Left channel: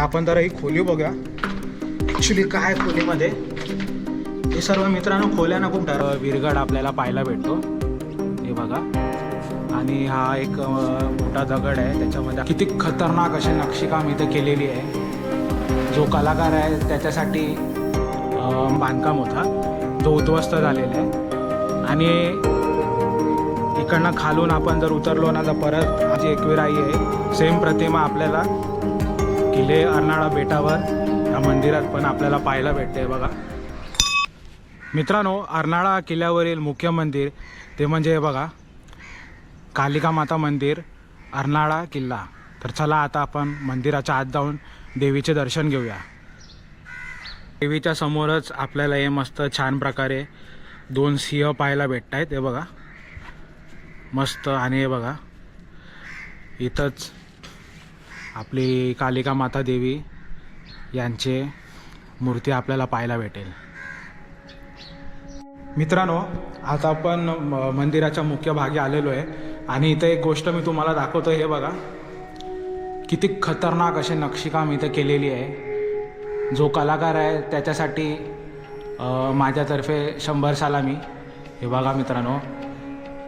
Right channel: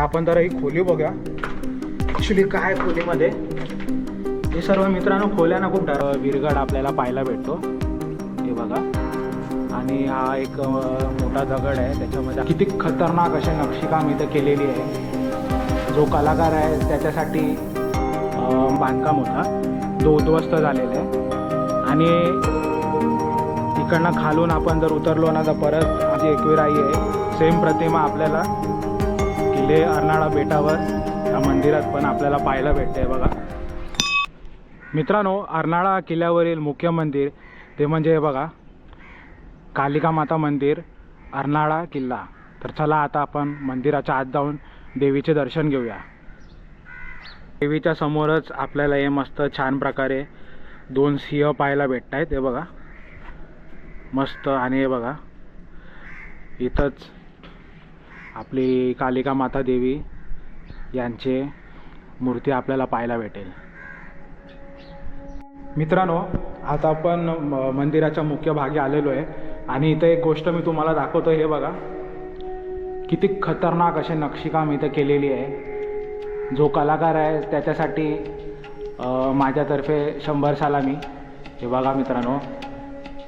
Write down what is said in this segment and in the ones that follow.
आपण जरा ही खोली बघूया. ॲक्च्युली काय आहे खोलीमध्ये? हे सर्व मित्रांनो खोल्या ना खूप डर विरगड आपल्याला पाहायला भेटतो. हे बघा. आणि हा एक मोठा दगड आहे. त्याच्यामध्ये किती खतरनाक अशी नक्षीकाम इथं केलेली आहे. जो कलाकार आहे त्याच्यासाठी बांधकाम होता. तो उद्ध्वस्त झालेला आहे. आणि इकडनं खालून आपण जर उतरलो ना तर परत जी एकविराई आहे. सेम प्रतिमा आपल्याला किल्ले अर्नाळा बेटावर या मंदिरात पण आपल्याला पाहायला भेटते बघा. मित्रांनो अर्नाळा किल्ल्यावरील मुख्य मंदिर ते म्हणजे बघा कालिका माता मंदिर अर्नाळा किल्ला. तर चला आता आपण मंदिराच्या आत जाऊन देवीचे दर्शन घेऊया. देवीच्या समोरच आपल्याला हे मस्त छान प्रकारे दोन सिंह पाहायला भेटत आहेत हे बघा. मस्त आणि हे बघा इथंच आपली कालिका माता देवी यांचे मूर्ती आपल्याला पाहायला भेटेल. मित्रांनो आता आपण म- मंदिराच्या मुख्य भागी आलेलो आहे. आणि इथे एक गोष्ट मी तुम्हाला दाखवतो हे बघा. किती खतरनाक असे नक्षीकाम इथे केलेली आहे. जो कलाकार आहे त्याच्यासाठी माझ्यातर्फे शंभर सलामी. हे बघा मित्रांनो.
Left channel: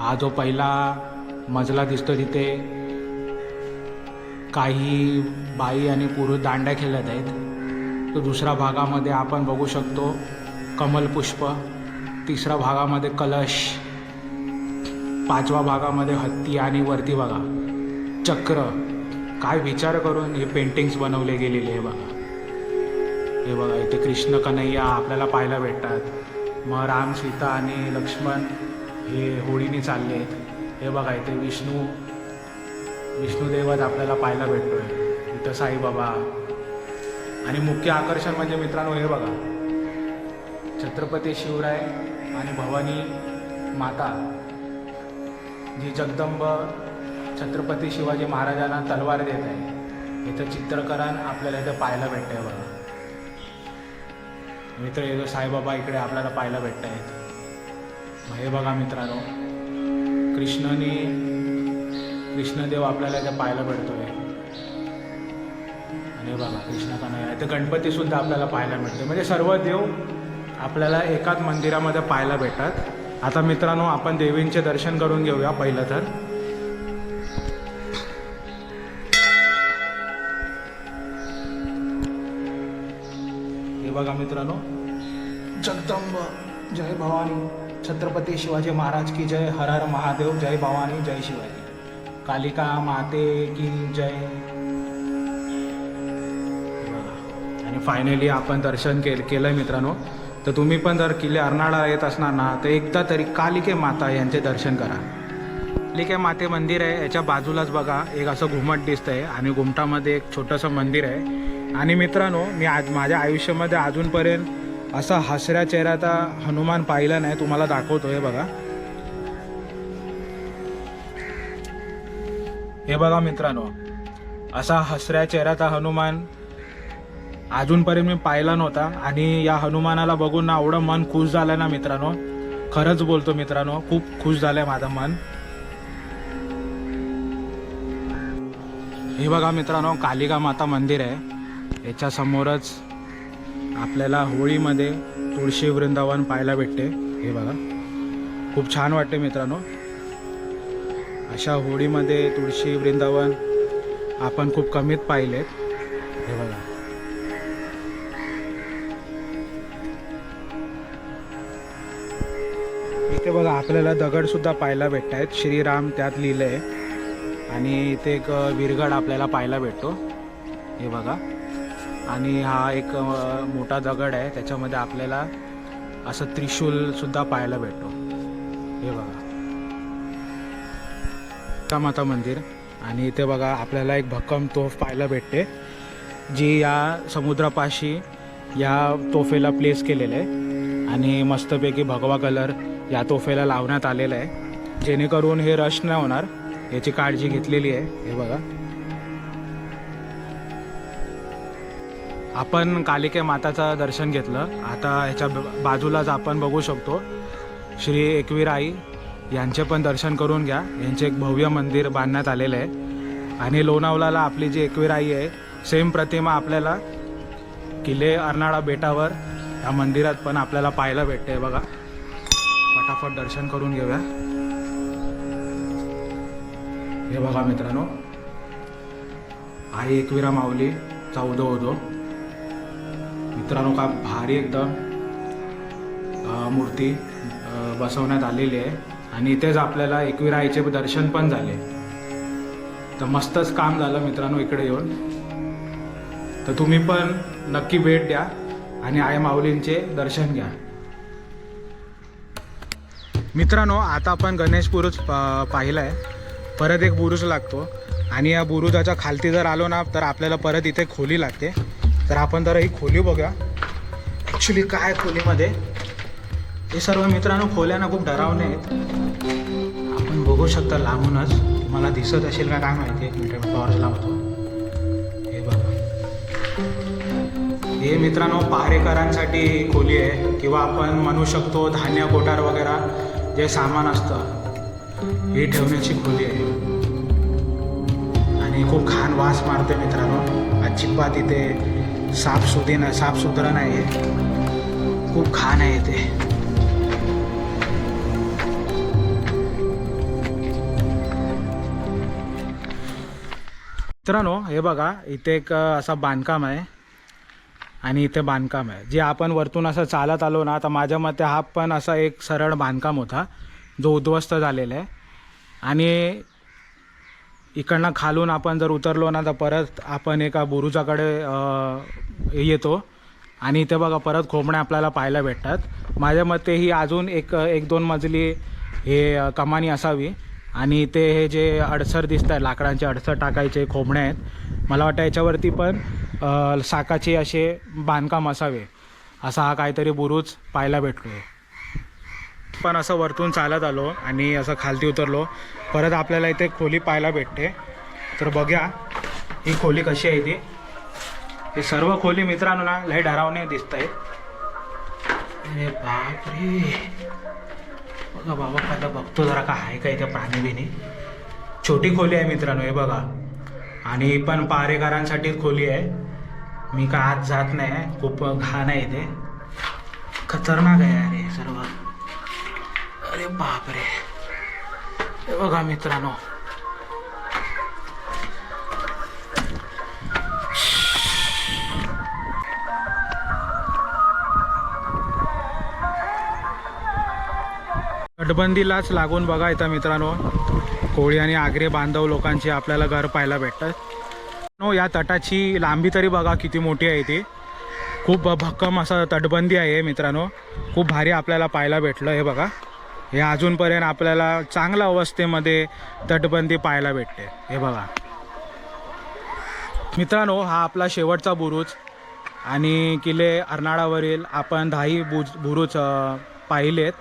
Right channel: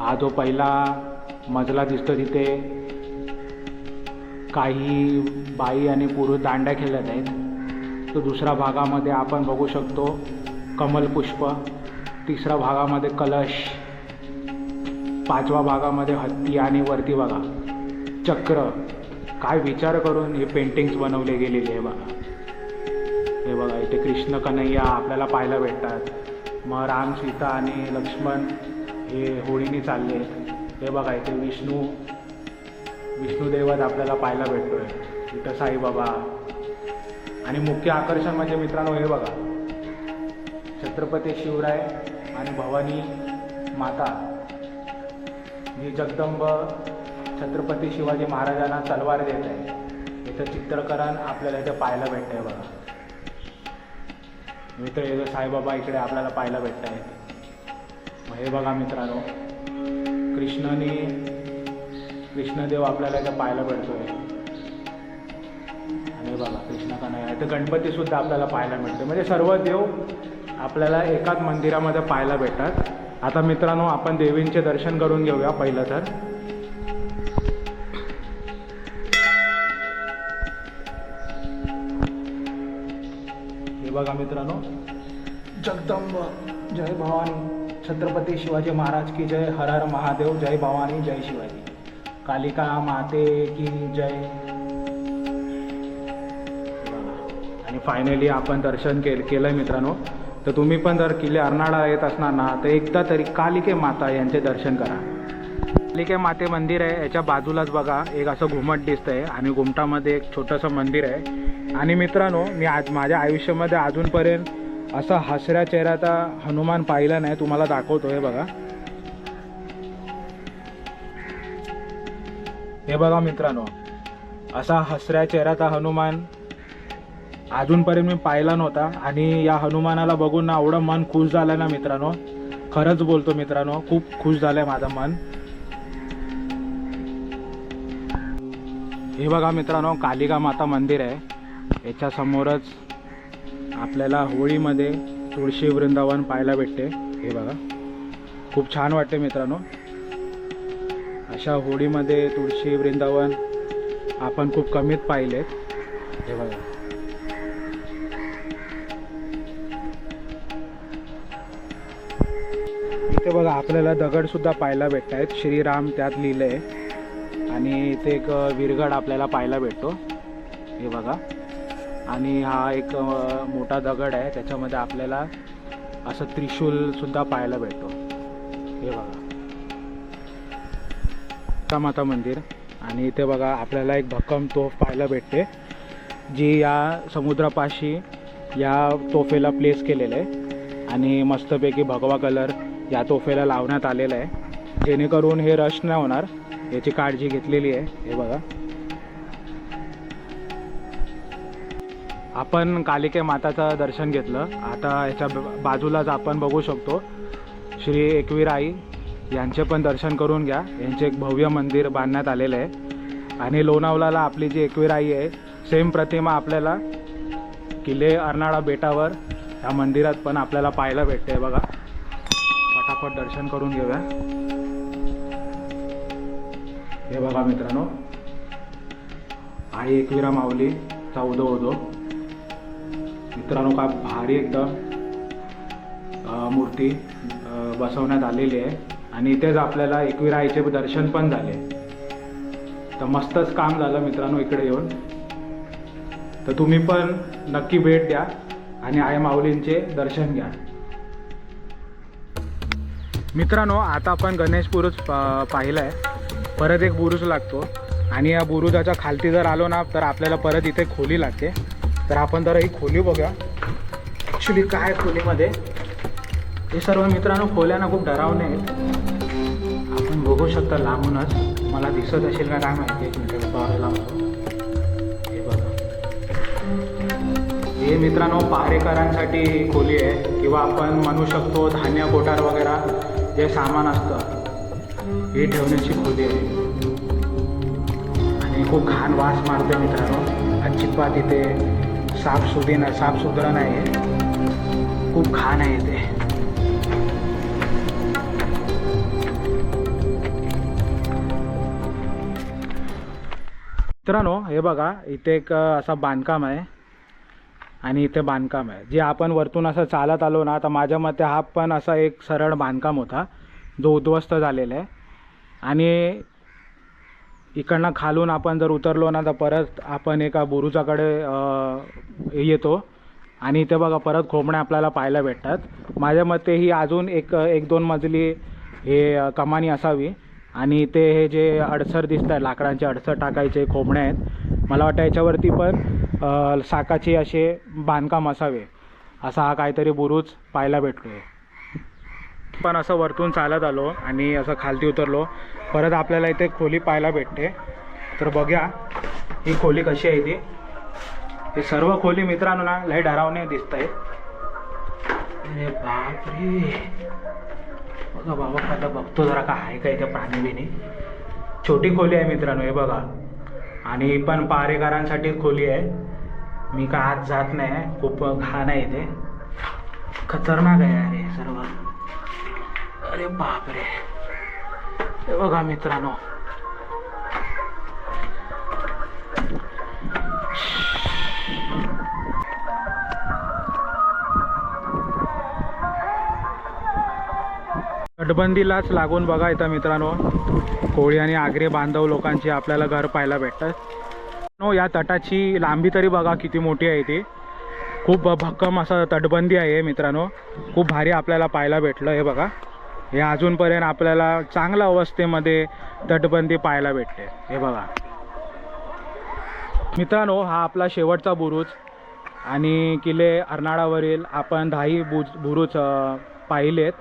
हा जो पहिला मजला दिसतो तिथे काही बाई आणि पुरुष दांड्या खेळत आहेत. तर दुसऱ्या भागामध्ये आपण बघू शकतो कमलपुष्प तिसऱ्या भागामध्ये कलश पाचव्या भागामध्ये हत्ती आणि वरती बघा चक्र. काय विचार करून हे पेंटिंग्स बनवले गेलेले आहे बघा. हे बघा इथे कृष्ण कन्हैया आपल्याला पाहायला भेटतात. मग राम सीता आणि लक्ष्मण हे होळीने चालले. हे बघा इथे विष्णू विष्णुदेवच आपल्याला पाहायला भेटतोय. इथं साईबाबा आणि मुख्य आकर्षण म्हणजे मित्रांनो हे बघा. छत्रपती शिवराय आणि भवानी माता. जी जगदंब छत्रपती शिवाजी महाराजांना तलवार देत आहे. इथं चित्रकरण आपल्याला इथे पाहायला भेटतंय बघा. मित्र येतो साईबाबा इकडे आपल्याला पाहायला भेटत आहेत हे बघा मित्रांनो. कृष्णनी कृष्णदेव आपल्याला त्या पाहायला भेटतोय आणि हे बघा कृष्ण कन्हैया तर गणपतीसुद्धा आपल्याला पाहायला मिळते म्हणजे सर्व देव आपल्याला एकाच मंदिरामध्ये पाहायला भेटतात. आता मित्रांनो आपण देवींचे दर्शन करून घेऊया पहिलं तर. हे बघा मित्रांनो. जगदंब जय भवानी. छत्रपती शिवाजी महाराज की जय. हर हर महादेव जय भवानी जय शिवाजी. कालिका माते की जय. आणि फायनली आपण दर्शन केलं केलं आहे मित्रांनो. तर तुम्ही पण जर किल्ले अर्नाळा येत असणार ना तर एकदा तरी कालिके माता यांचे दर्शन करा. कालिके माते मंदिर आहे याच्या बाजूलाच बघा एक असं घुमट दिसतं आहे आणि घुमटामध्ये एक छोटंसं मंदिर आहे. आणि मित्रांनो मी आज माझ्या आयुष्यामध्ये अजूनपर्यंत असा हसऱ्या चेहऱ्याचा हनुमान पाहिला नाही तुम्हाला दाखवतो आहे बघा. हे बघा मित्रांनो असा हसऱ्या चेहऱ्याचा हनुमान अजूनपर्यंत मी पाहिला नव्हता आणि या हनुमानाला बघून ना एवढं मन खुश झालं ना मित्रांनो. खरंच बोलतो मित्रांनो खूप खुश झालंय माझं मन. हे बघा मित्रांनो कालिका माता मंदिर आहे. याच्यासमोरच आपल्याला होळीमध्ये तुळशी वृंदावन पाहायला भेटते. हे बघा. खूप छान वाटते मित्रांनो. अशा होळीमध्ये तुळशी वृंदावन आपण खूप कमीत पाहिलेत. हे बघा. इथे बघा आपल्याला दगडसुद्धा पाहायला भेटत आहेत श्रीराम त्यात लिहिलं आहे आणि इथे एक विरगड आपल्याला पाहायला भेटतो. हे बघा. आणि हा एक मोठा दगड आहे. त्याच्यामध्ये आपल्याला असं त्रिशूलसुद्धा पाहायला भेटतो. हे बघा. माता मंदिर आणि इथे बघा आपल्याला एक भक्कम तोफ पाहायला भेटते जी या समुद्रापाशी या तोफेला प्लेस केलेलं आहे. आणि मस्तपैकी भगवा कलर या तोफेला लावण्यात आलेला आहे. जेणेकरून हे रश नाही होणार याची काळजी घेतलेली आहे. हे बघा. आपण कालिके माताचं दर्शन घेतलं. आता ह्याच्या बाजूलाच आपण बघू शकतो श्री एकवीराई यांचे पण दर्शन करून घ्या. यांचे एक भव्य मंदिर बांधण्यात आलेलं आहे. आणि लोणावळ्याला आपली जी एकविराई आहे सेम प्रतिमा आपल्याला किल्ले अर्नाळा बेटावर या मंदिरात पण आपल्याला पाहायला भेटते बघा. फटाफट दर्शन करून घेऊया. हे बघा मित्रांनो आई एकविरा माऊली चौदा होतो मित्रांनो का भारी एकदम मूर्ती बसवण्यात आलेली आहे. आणि इथेच आपल्याला एकविरा आईचे दर्शन पण झाले. तर मस्तच काम झालं मित्रांनो इकडे येऊन. तर तुम्ही पण नक्की भेट द्या आणि आई माऊलींचे दर्शन घ्या. मित्रांनो आता आपण गणेश बुरुज प- पाहिला आहे परत एक बुरुज लागतो. आणि या बुरुजाच्या खालती जर आलो ना तर आपल्याला परत इथे खोली लागते. तर आपण जरा ही खोली बघूया. ॲक्च्युली काय आहे खोलीमध्ये? हे सर्व मित्रांनो खोल्यानं खूप डरावणे आहेत. आपण बघू शकता लांबूनच. मला दिसत असेल का काय माहिती? एक मिनिट टॉर्च लावतो. हे बघा. हे मित्रांनो पहारेकरांसाठी खोली आहे किंवा आपण म्हणू शकतो धान्य कोठार वगैरे जे सामान असतं हे ठेवण्याची खोली आहे. आणि खूप घाण वास मारते मित्रांनो. अजिबात इथे साफसुधी नाही साफसुथरं नाही आहे खूप घाण आहे इथे. मित्रांनो हे बघा इथे एक असा बांधकाम आहे. आणि इथे बांधकाम आहे. जे आपण वरतून असं चालत आलो ना तर माझ्या मते हा पण असा एक सरळ बांधकाम होता जो उद्ध्वस्त झालेला आहे. आणि इकडनं खालून आपण जर उतरलो ना तर परत आपण एका बुरुजाकडे येतो. आणि इथे बघा परत खोबणे आपल्याला पाहायला भेटतात. माझ्या मते ही अजून एक एक दोन मजली हे कमानी असावी. आणि ते हे जे अडसर दिसत आहे लाकडांचे अडसर टाकायचे खोबणे आहेत मला वाटतं याच्यावरती पण साकाचे असे बांधकाम असावे असा हा काहीतरी बुरुज पाहायला भेटलो पण असं वरतून चालत आलो आणि असं खालती उतरलो. परत आपल्याला इथे खोली पाहायला भेटते. तर बघ्या ही खोली कशी आहे ती. हे सर्व खोली मित्रांनो ना लय डरावणे दिसत आहे बापरे! बघा बाबा आता बघतो जरा का आहे का इथे प्राणी बिणी छोटी खोली आहे मित्रांनो हे बघा. आणि पण पारेकरांसाठीच खोली आहे. मी का आत जात नाही खूप घाण आहे इथे. खतरनाक आहे अरे सर्व. अरे बापरे. हे बघा मित्रांनो तटबंदीलाच लागून बघा इथं मित्रांनो. कोळी आणि आगरे बांधव लोकांची आपल्याला घर पाहायला भेटतात. नो या तटाची लांबी तरी बघा किती मोठी आहे ती. खूप भक्कम असं तटबंदी आहे मित्रांनो. खूप भारी आपल्याला पाहायला भेटलं हे बघा. हे अजूनपर्यंत आपल्याला चांगल्या अवस्थेमध्ये तटबंदी पाहायला भेटते हे बघा. मित्रांनो हा आपला शेवटचा बुरुज आणि किल्ले अर्नाळावरील आपण दहाही बुज बुरुज पाहिलेत.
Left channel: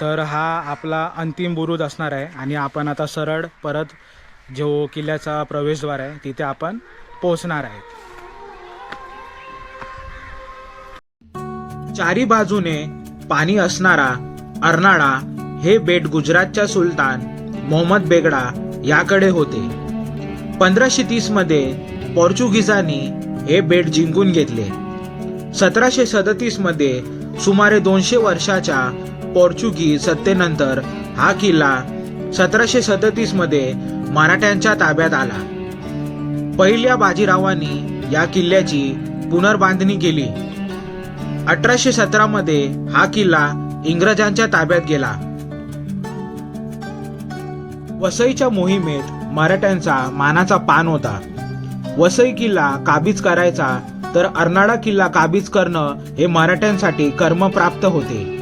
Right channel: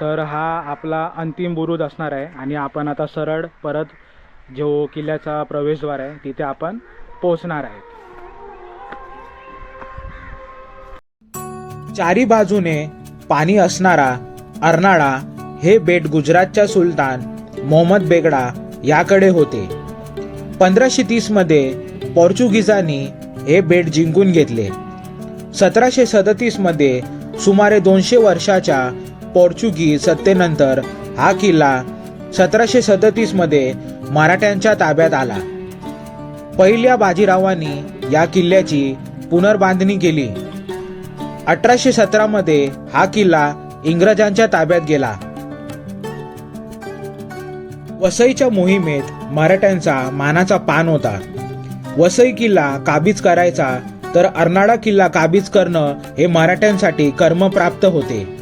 तर हा आपला अंतिम बुरुज असणार आहे आणि आपण आता सरळ परत जो किल्ल्याचा प्रवेशद्वार आहे तिथे आपण पोहोचणार आहे. चारी बाजूने पाणी असणारा अर्नाळा हे बेट गुजरातच्या सुलतान मोहम्मद बेगडा याकडे होते. पंधराशे तीसमध्ये पोर्चुगीजांनी हे बेट जिंकून घेतले. सतराशे सदतीसमध्ये सुमारे दोनशे वर्षाच्या पोर्चुगीज सत्तेनंतर हा किल्ला सतराशे सदतीसमध्ये मराठ्यांच्या ताब्यात आला. पहिल्या बाजीरावांनी या किल्ल्याची पुनर्बांधणी केली. अठराशे सतरा मध्ये हा किल्ला इंग्रजांच्या ताब्यात गेला. वसईच्या मोहिमेत मराठ्यांचा मानाचा पान होता. वसई किल्ला काबीज करायचा तर अर्नाळा किल्ला काबीज करणं हे मराठ्यांसाठी कर्मप्राप्त होते.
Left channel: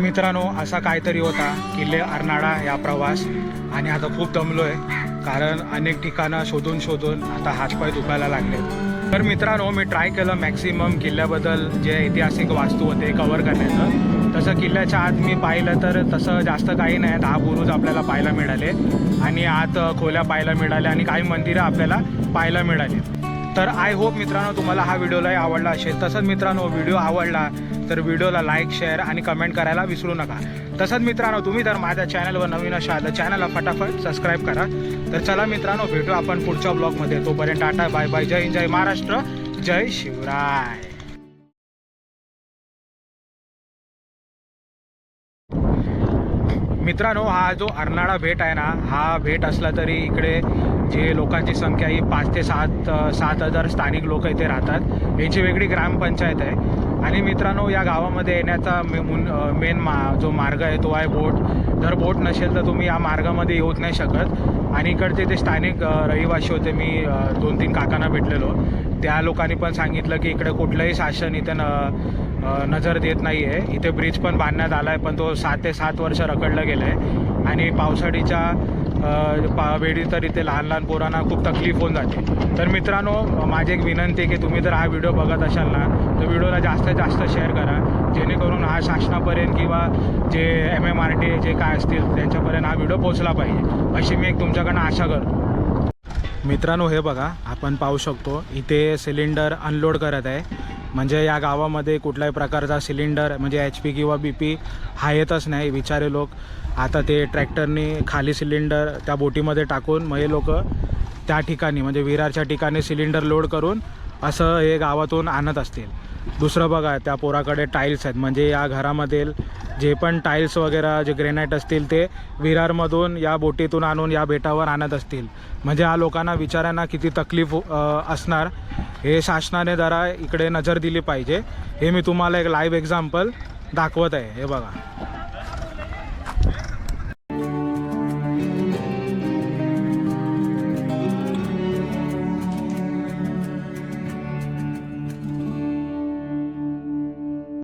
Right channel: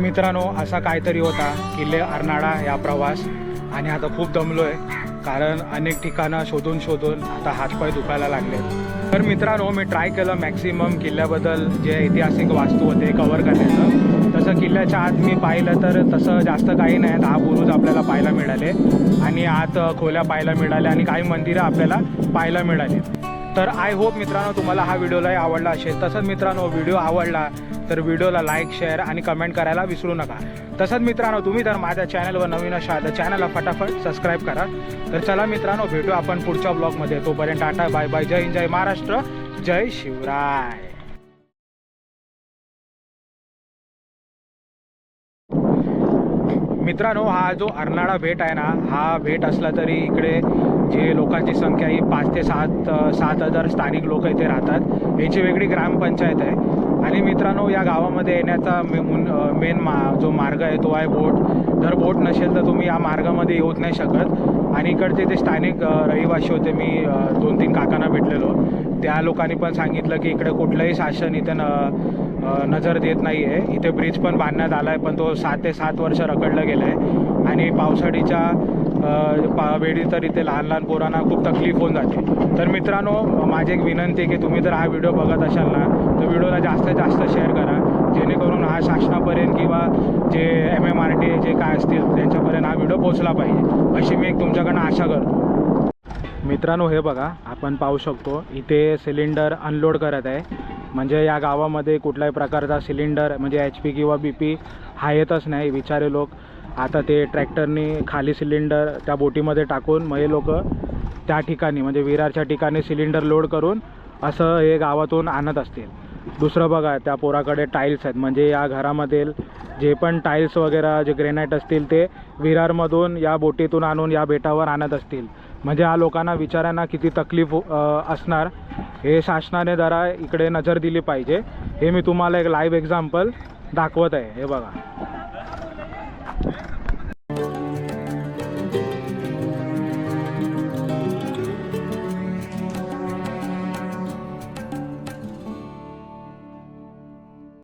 मित्रांनो असा काहीतरी होता किल्ले अर्नाळा या प्रवास. आणि आता खूप दमलो आहे कारण अनेक ठिकाणं शोधून शोधून आता हातपाय दुखायला लागले. तर मित्रांनो मी ट्राय केलं मॅक्सिमम किल्ल्याबद्दल जे ऐतिहासिक वास्तू होते कवर करण्याचं. तसं किल्ल्याच्या आत मी पाहिलं तर तसं जास्त काही नाही. दहा बुरुज आपल्याला पाहायला मिळाले. आणि आत खोल्या पाहायला मिळाल्या आणि काही मंदिरं आपल्याला पाहायला मिळाली. तर आय होप मित्रांनो तुम्हाला हा व्हिडिओलाही आवडला असेल. तसंच मित्रांनो व्हिडिओ आवडला तर व्हिडिओला लाईक शेअर आणि कमेंट करायला विसरू नका. तसंच मित्रांनो तुम्ही जर माझ्या चॅनलवर नवीन असाल तर चॅनलला फटाफट सबस्क्राईब करा. तर चला मित्रांनो भेटू आपण पुढच्या ब्लॉगमध्ये तोपर्यंत टाटा बाय बाय जय हिंद जय महाराष्ट्र. जय शिवराय. मित्रांनो हा जो अर्नाळा भेट आहे ना हा भेट असला तरी इकडे जे लोकांची संख्या ही पाच ते सात सात हजार स्थानिक लोक इथे राहतात. याची वेगळी ग्रामपंचायत आहे. आणि मित्रांनो या गावामध्ये येण्याचा मे- मुन- मेन मा जो मार्ग आहे तो आहे बोट. जर बोट नसेल तर तुम्ही या मार्गामध्ये येऊच नाही शकत. आणि इकडचे ते स्थानिक रहिवासी होते मी दोन तीन काकांना भेटलेलो. त्या लोकांनी पण सांगितलं की इकडे कुठलंही शासन इथे न नजर देत नाही आहे इथे ब्रिज पण बांधण्यात आला आहे पण तो सात ते सात वर्ष रखडलं गेलं आहे आणि पावसाळीच्या पा वेळी तर इथे लहान लहान पोरांना खूप तकलीफ होऊन जाते. तर मित्रांनो माझी एक विनंती आहे की तुम्ही जर हा व्हिडिओ बघत असाल ना तर व्हिडिओला जास्तीत जास्त शेअर करा. जेणेकरून हा शासनापर्यंत किंवा जे एम एम आर टी जे काय असतील त्यांच्यापर्यंत हा व्हिडिओ पोचला पाहिजे. अशी मी एक तुमच्याकडनं आशा करतो. मित्रांनो हे बघा आपण पाहू शकतो इथे सिलेंडर अनलोड करत आहे. म्हणजे या गावामध्ये कुठल्याही प्रकारचा सिलेंडर म्हणजे एच पी किंवा बी पी हा येतच नाही विचारे लोक. आता ते ट्रॅक्टरनी खाली सिलेंडर त्या बोटीमध्ये टाकून मग हे लोक त्या ठिकाणी म्हणजे विरारच्या ठिकाणी सिलेंडर लोड करून असं हे गावातून आणत असतील. दुसरं बघा त्या पोराकडे टाईल्स आहेत. म्हणजे या घरामधील जे पण टाईल्स वगैरे जे ग्रेनाईट असतील ते विरारमधून या बोटीतून आणून या बेटावर आणत असतील. म्हणजे या लोकांना विचारांना किती तकलीफ असणार हे शासनाने जरा इकडे नजर दिली पाहिजे. हे मी तुम्हाला एक लाईव्ह एक्झाम्पल दाखवत आहे. हे बघा.